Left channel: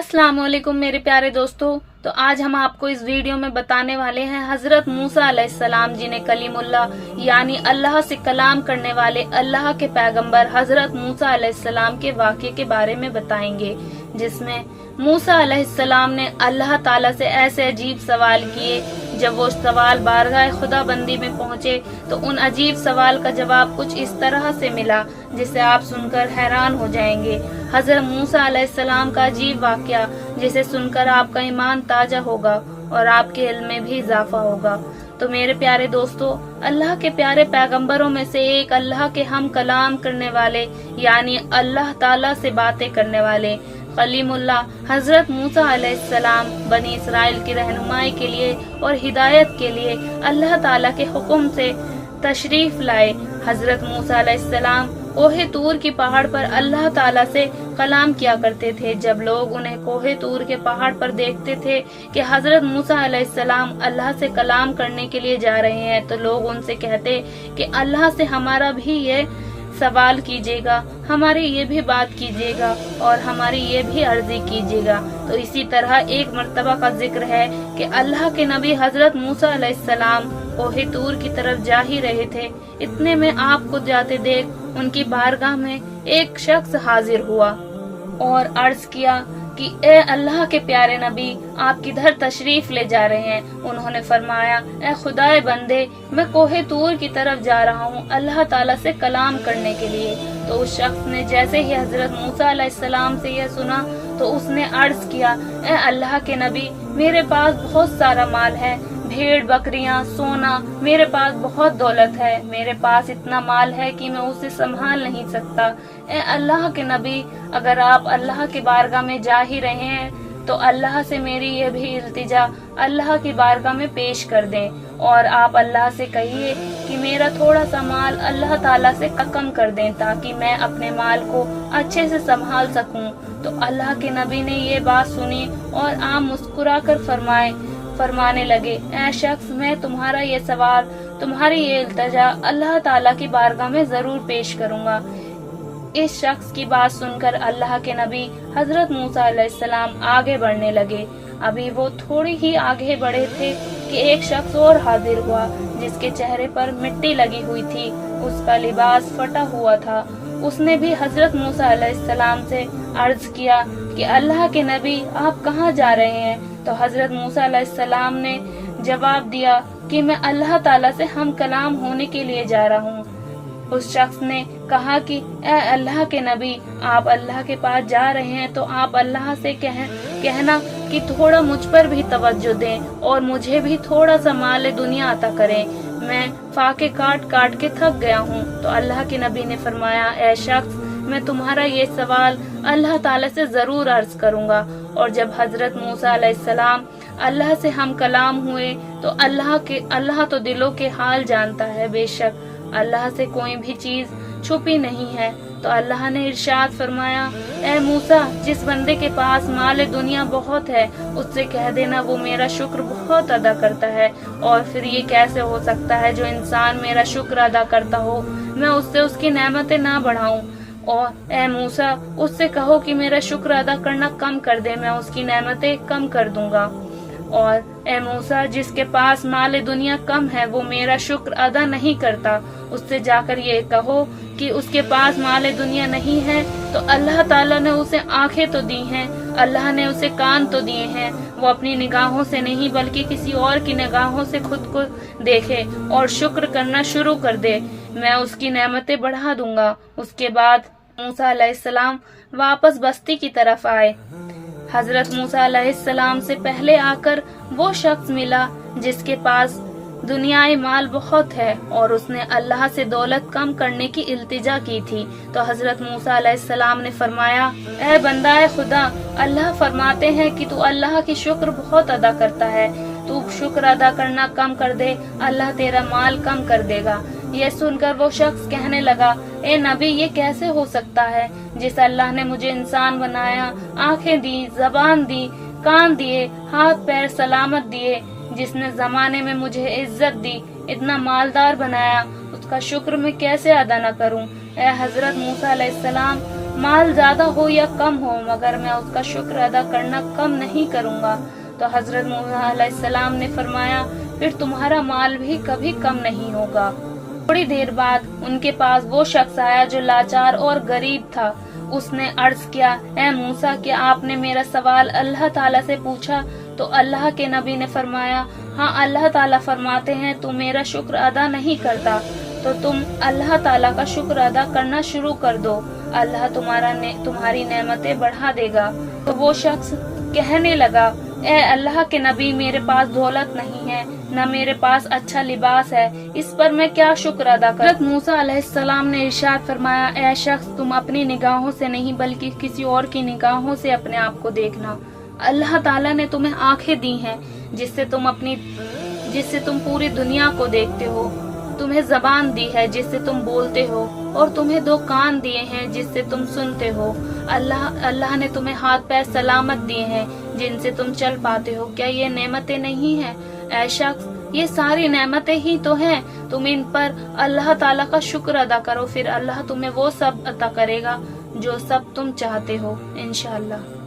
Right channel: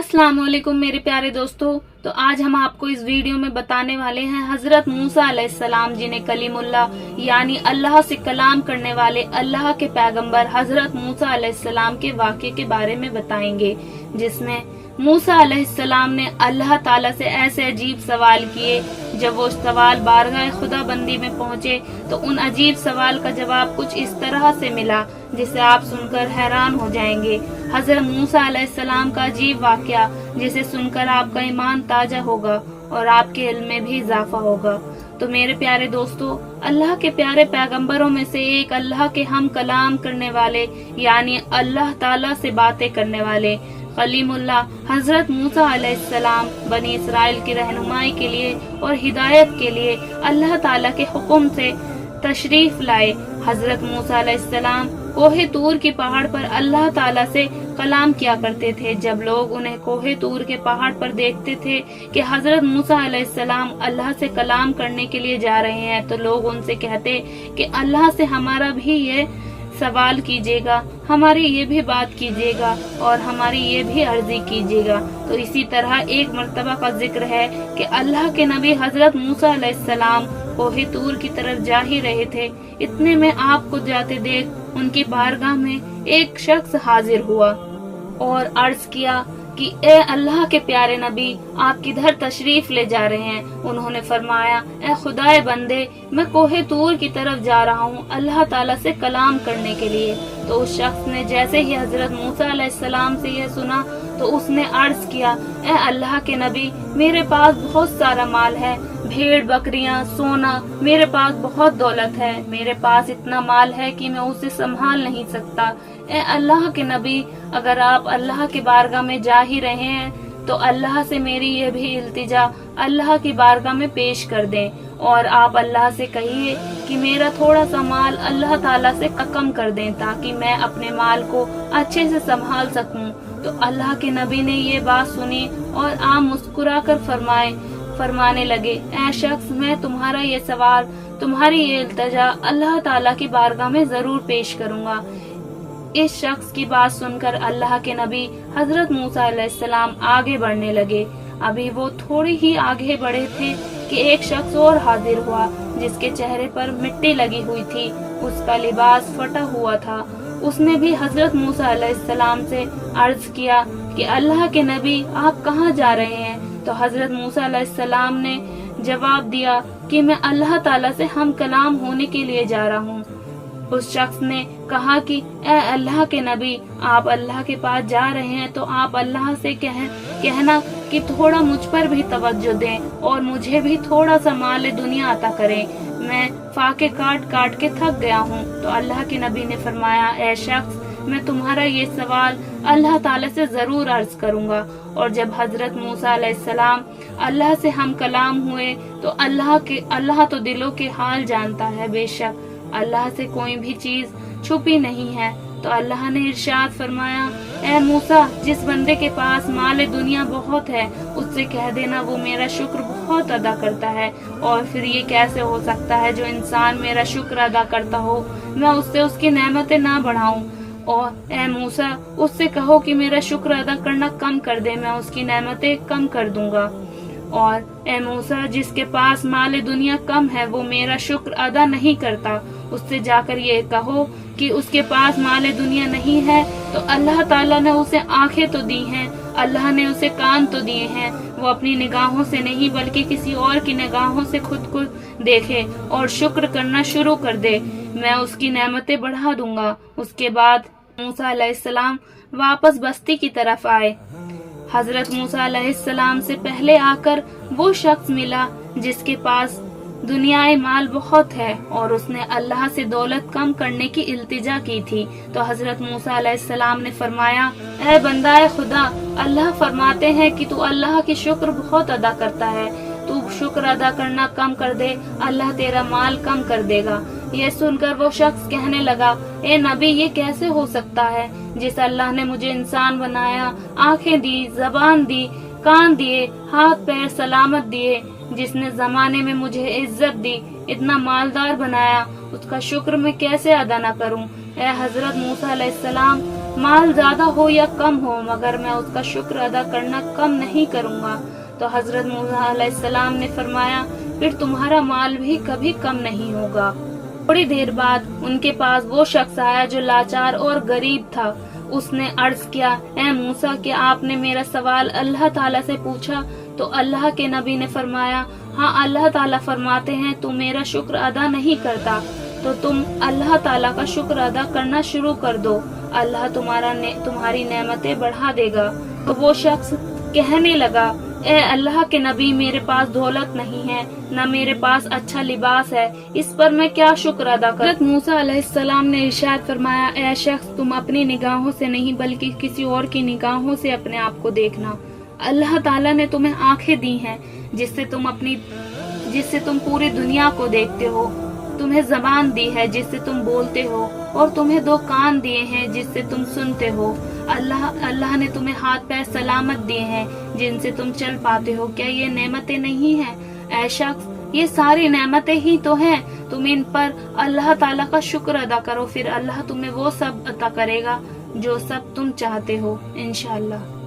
अस्सलाम वालेकुम मेरे प्यारे दोस्तों। तो आज हम आपको इस वीडियो में बताने वाले हैं हजरत मूसा अलैहिस्सलाम जिन्हें कलीमुल्लाह यानी अल्लाह से कलाम करने वाले अल्लाह के पैगंबर हजरत मूसा अलैहिस्सलाम के वाक़े के बारे में बताएंगे, जिसमें मूसा अलैहिस्सलाम ने अल्लाह ताला से ऐसे अजीब सवाल किए। जब वो सवाल बारगाह खुदा बंदी में पहुँचे तो उन अजीब सवाल का जवाब कुछ इस तरह से मिला जिसे आप सुनकर हैरान हो जाएंगे। हजरत मूसा अलैहिस्सलाम का अजीब वाक़या जिसे सुनकर आपका ईमान ताजा होगा और आपके इल्म में भी इजाफा होगा। तो मेरे प्यारे दोस्तों, अल्लाह के प्यारे पैगंबरों में से एक अल्लाह के हम कलाम करने वाले यानी अल्लाह ताला से बातें करने वाले कलीमुल्लाह हजरत मूसा अलैहिस्सलाम बनी इसराइल की रहनुमाई के लिए और हिदायत के लिए अल्लाह ताला के हुक्म से तशरीफ लाए। हजरत मूसा अलैहिस्सलाम कोहे तूर की पहाड़ पर अल्लाह ताला से कलाम किया करते थे। जब लोग उन्हें कोहे तूर के पहाड़ पर देखते थे कि हजरत मूसा अलैहिस्सलाम अल्लाह से कलाम करने के लिए जा रहे हैं, तो लोग उनसे कहते कि अल्लाह से हमारा भी ये सवाल कीजिएगा, हमारी ये भी बात कीजिएगा और हमारी ये भी अर्जी कीजिएगा। तो इसी तरह एक मर्तबा का जिक्र है कि अल्लाह के नबी हजरत मूसा अलैहिस्सलाम कोहे तूर की तरफ जा ही रहे थे। इतने में आपको जाते देख उनकी बारगाह में एक शख्स हाजिर हुआ और अर्ज किया कि ए अल्लाह के प्यारे नबी, आप किधर तशरीफ ले जा रहे हैं? उन्होंने फरमाया, ए खुदाए बंदे, मैं कोहे तूर की तरफ जा रहा हूँ अल्लाह ताला से कलाम करने के लिए। तो उस शख्स ने जैसे ही हजरत मूसा अलैहिस्सलाम से यह सुना तो उसने अर्ज किया, ए अल्लाह के नबी, मेरे पास बहुत सारा माल है, भेड़ बकरियां, सोना, मेरे पास बहुत दौलत है, मेरे पास इतना माल है कि मैं उसे संभाल नहीं सकता। ए अल्लाह के नबी, अगर आप अल्लाह की बारगाह में जा ही रहे हैं तो अल्लाह से मेरी ये भी इल्तिजा अल्लाह की बारगाह में पेश कर दें और आप अल्लाह से कहिए कि मेरा थोड़ा सा माल अल्लाह ताला से कम कर दें ताकि मैं अपने माल को अच्छे से संभाल सकूं। तो अल्लाह के नबी ने ये बात सुनी और आप मुस्कुराकर फरमाने लगे, ऐ शख्स, मैं तुम्हारा ये सवाल, तुम्हारी ये इल्तिजा अल्लाह ताला की बारगाह में जरूर पेश करूंगा। इस शख्स की बात सुनकर अल्लाह के नबी हजरत मूसा अलैहिस्सलाम आगे बढ़ने लगे। अभी वो थोड़ी ही आगे बढ़े थे कि एक शख्स और हाजिर हुआ जिसके चेहरे पर मिट्टी लगी हुई थी, उसका लिबास फटा हुआ था। उसने भी हजरत मूसा अलैहिस्सलाम से अर्ज किया कि अल्लाह के नबी, आप कहाँ जा रहे हैं? तो हजरत मूसा अलैहिस्सलाम ने जवाब दिया कि मैं अल्लाह ताला से हम कलाम होने के लिए जा रहा हूँ। उस शख्स ने कहा कि ए अल्लाह के नबी, आप अल्लाह के पास जा रहे हैं तो आप अल्लाह से कहना कि थोड़ा मुझ पर भी तवज्जो दें और मुझे भी थोड़ा सा माल दुनिया अता करें, मैं फाके काट काट के थक गया हूँ। तो अल्लाह के नबी ने फरमाया, ए शख्स, मैं तुम्हारा ये सवाल अल्लाह ताला से जरूर अर्ज करूंगा। और जब हजरत मूसा अलैहिस्सलाम अल्लाह से हम कलाम हुए तो अल्लाह तो दिलों के हाल जानता है, बेशक अल्लाह से कोई भी चीज छुपी नहीं है। तो अल्लाह ने इरशाद फरमाया, ए मूसा, जिस बंदे के पास माल दुनिया बहुत है उससे कह देना वो मेरा शुक्र बहुत अदा करता है। और फिर ये कैसे हो सकता है जो इंसान मेरा शुक्र अदा करता हो मैं उससे उसकी नेमतें ना बढ़ाऊं। और ए मूसा, उससे कहो कि मेरा शुक्र अदा करना कम कर दे, मैं उसकी नेमतें कम कर दूंगा। और ए मूसा, जिसके पास माल दुनिया कम है वो मेरा शुक्र अदा नहीं करता, उससे जाकर ये कहो कि उसके पास माल दुनिया नहीं है तो अल्लाह ताला ने उसे आंखें तो दी हैं, अल्लाह ने उसे कान तो दिए हैं, वो अपनी निगाहों से नहीं बल्कि किसी और की निगाहों से खुद को देखे और शुक्र करना शुरू कर दे, मैं उसकी नेमतें बढ़ा दूंगा। उसके बाद मूसा अलैहिस्सलाम वापस बस्ती की तरफ आए। हजरत मूसा अलैहिस्सलाम से पहले आकर वो शख्स मिला जिसके पास दुनियाए माल बहुत है और उसने अल्लाह से दौलत कम करने की इल्तिजा की थी। तो हजरत मूसा अलैहिस्सलाम ने फरमाया, ए बंदाए खुदा, अल्लाह फरमाते हैं कि तू अल्लाह की शुक्र बहुत अदा करता है, तू शुक्र अदा करना कम कर दे, अल्लाह तेरा माल कम कर देगा। ये सुनकर वो शख्स कहने लगा, ए नबी, ये कैसे हो सकता है? जिस अल्लाह ने मुझे इंसान बनाया, आंखें दी, जबान दी, कान दिए, हाथ पैर सलामत दिए, जिसने जमाने में मुझे इज्जत दी, इतना मालदार बनाया, उसका शुक्र मैं कैसे अदा न करूं? ए हजरत मूसा अलैहिस्सलाम, माल ज्यादा हो या कम हो, मगर मैं उसका शुक्र अदा करना कम नहीं करूँगा। तो हजरत मूसा अलैहिस्सलाम ने फरमाया, फिर तुम्हारा माल भी कभी कम नहीं होगा। थोड़ी देर बाद उनके पास वो शख्स आया जो लाचार और गरीब था। उसने अर्ज किया, ए मूसा, क्या आपने मेरा सवाल अल्लाह ताला से पूछा? तो अल्लाह के नबी ने फरमाया, हाँ, अल्लाह ताला फरमाते हैं तुम मेरा शुक्र अदा नहीं करता तो तुम अल्लाह ताला का शुक्र अदा करना शुरू कर दो, अल्लाह तुम्हारी नेमतें बढ़ा देगा। तो वो शख्स कहने लगा, ए अल्लाह के नबी, मेरे पास दौलत नहीं है, न मेरे पास अच्छा लिबास है, इस पर मैं क्या शुक्र अदा करूं? हज़रत मूसा अलैहिस्सलाम ने इरशाद फरमाया, ए शख्स, तुम अपनी निगाहों से नहीं बल्कि किसी और की निगाहों से अपने आप को देखना। अल्लाह ताला ने तुम्हें आंखें दी हैं जिससे तुम पूरी दुनिया को देखते हो, तुम्हें जबान दी है जिससे तुम बोलते हो, और तुम्हें 2 कान दिए हैं जिससे तुम सुनते हो। अल्लाह ने तुम्हें हाथ पैर सलामत दिए हैं जिनसे तुम चल पाते हो। क्या ये नेमतें नहीं हैं? ऐ शख्स, ये सारी नेमतें ही तो हैं। तुम इन पर अल्लाह ताला का शुक्र अदा करो, फिर अल्लाह तुम्हें वो सब अता करेगा जो सब तुम चाहते हो इंशाअल्लाह।